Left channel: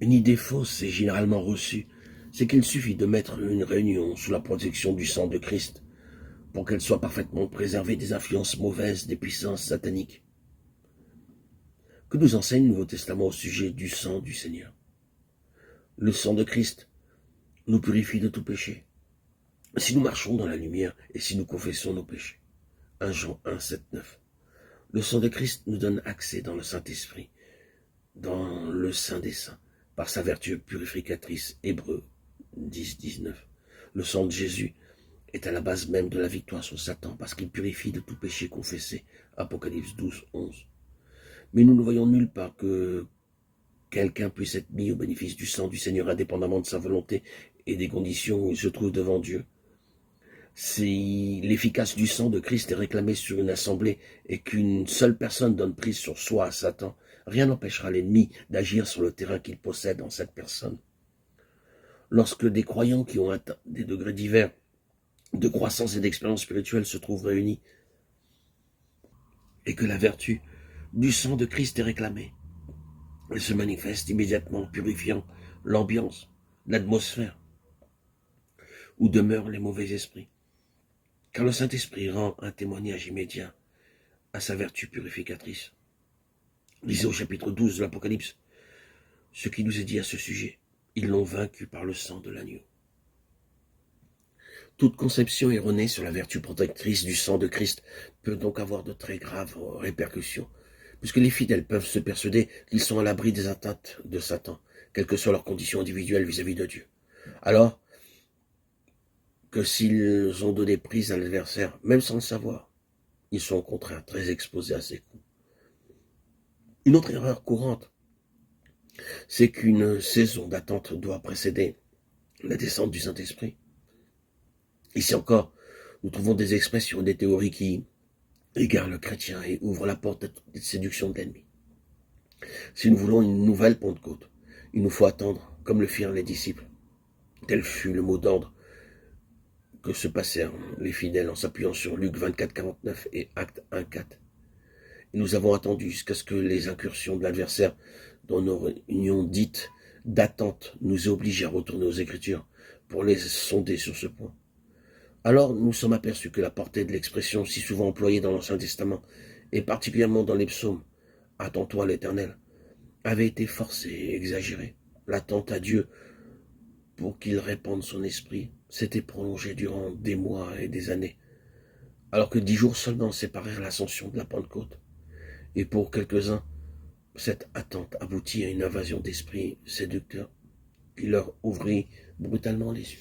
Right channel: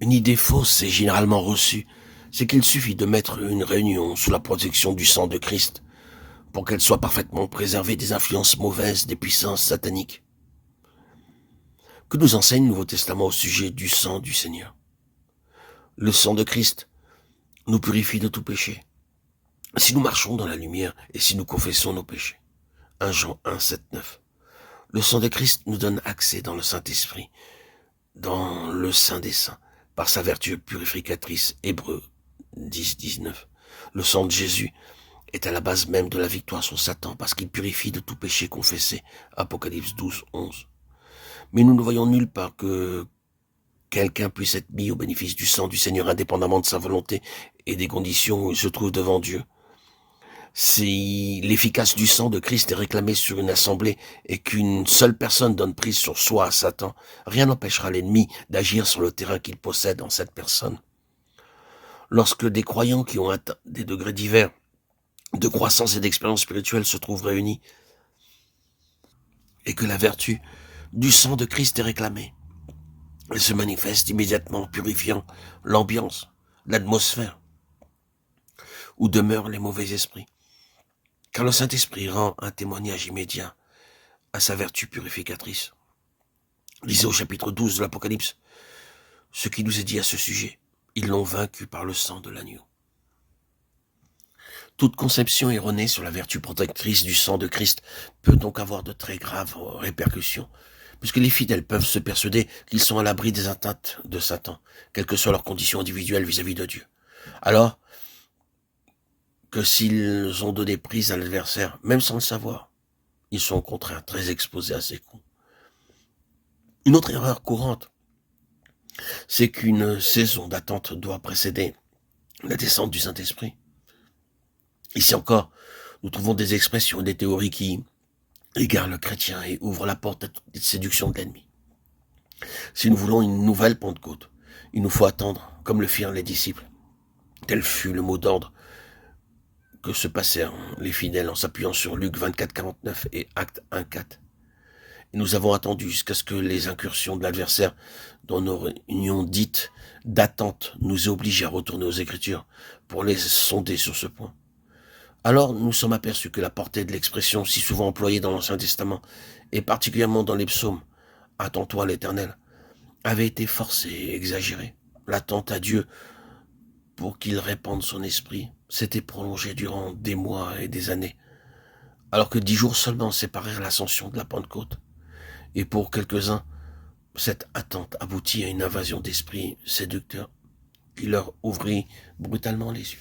Une idée fausse et généralement reçue, c'est qu'il suffit de mettre une réunion sous la protection du sang de Christ pour qu'elle soit parfaitement préservée des influences mauvaises des puissances sataniques. Que nous enseigne le Nouveau Testament au sujet du sang du Seigneur? Le sang de Christ nous purifie de tout péché. Si nous marchons dans la lumière et si nous confessons nos péchés. 1 Jean 1, 7, 9. Le sang de Christ nous donne accès dans le Saint-Esprit, dans le Saint des Saints, par sa vertu purificatrice. Hébreux 10, 19. Le sang de Jésus est à la base même de la victoire sur Satan, parce qu'il purifie de tout péché confessé. Apocalypse 12, 11. Mais nous ne voyons nulle part que quelqu'un puisse être mis au bénéfice du sang du Seigneur indépendamment de sa volonté et des conditions où il se trouve devant Dieu. Si l'efficace du sang de Christ est réclamé sur une assemblée et qu'une seule personne donne prise sur soi à Satan, rien n'empêchera l'ennemi d'agir sur le terrain qu'il possède en cette personne. Lorsque des croyants qui ont atteint des degrés divers de croissance et d'expérience spirituelle se trouvent réunis et que la vertu du sang de Christ est réclamée, elle se manifeste immédiatement, purifiant l'ambiance, l'atmosphère où demeurent les mauvais esprits. Car le Saint-Esprit rend un témoignage immédiat à sa vertu purificatrice. Lisez au chapitre 12 de l'Apocalypse ce qui nous est dit à ce sujet. Ils l'ont vaincu par le sang de l'agneau. Toute conception erronée sur la vertu protectrice du sang de Christ peut donc avoir de très graves répercussions, puisque les fidèles peuvent se persuader qu'ils sont à l'abri des atteintes de Satan, quelles que soient leurs conditions individuelles vis-à-vis de Dieu. Alors que s'ils ont donné prise à l'adversaire, même sans le savoir, ils sont au contraire très exposés à ses coups. Une autre erreur courante, c'est qu'une saison d'attente doit précéder la descente du Saint-Esprit. Ici encore, nous trouvons des expressions et des théories qui égarent le chrétien et ouvrent la porte à toute séduction de l'ennemi. Si nous voulons une nouvelle Pentecôte, il nous faut attendre, comme le firent les disciples. Tel fut le mot d'ordre que se passèrent les fidèles en s'appuyant sur Luc 24, 49 et Actes 1, 4. Et nous avons attendu jusqu'à ce que les incursions de l'adversaire dans nos réunions dites d'attente nous aient obligés à retourner aux Écritures pour les sonder sur ce point. Alors nous sommes aperçus que la portée de l'expression si souvent employée dans l'Ancien Testament, et particulièrement dans les psaumes, « Attends-toi à l'Éternel », avait été forcée et exagérée. L'attente à Dieu pour qu'il répande son esprit s'était prolongée durant des mois et des années, alors que 10 jours seulement séparèrent l'ascension de la Pentecôte. Et pour quelques-uns, cette attente aboutit à une invasion d'esprit séducteur qui leur ouvrit brutalement les yeux.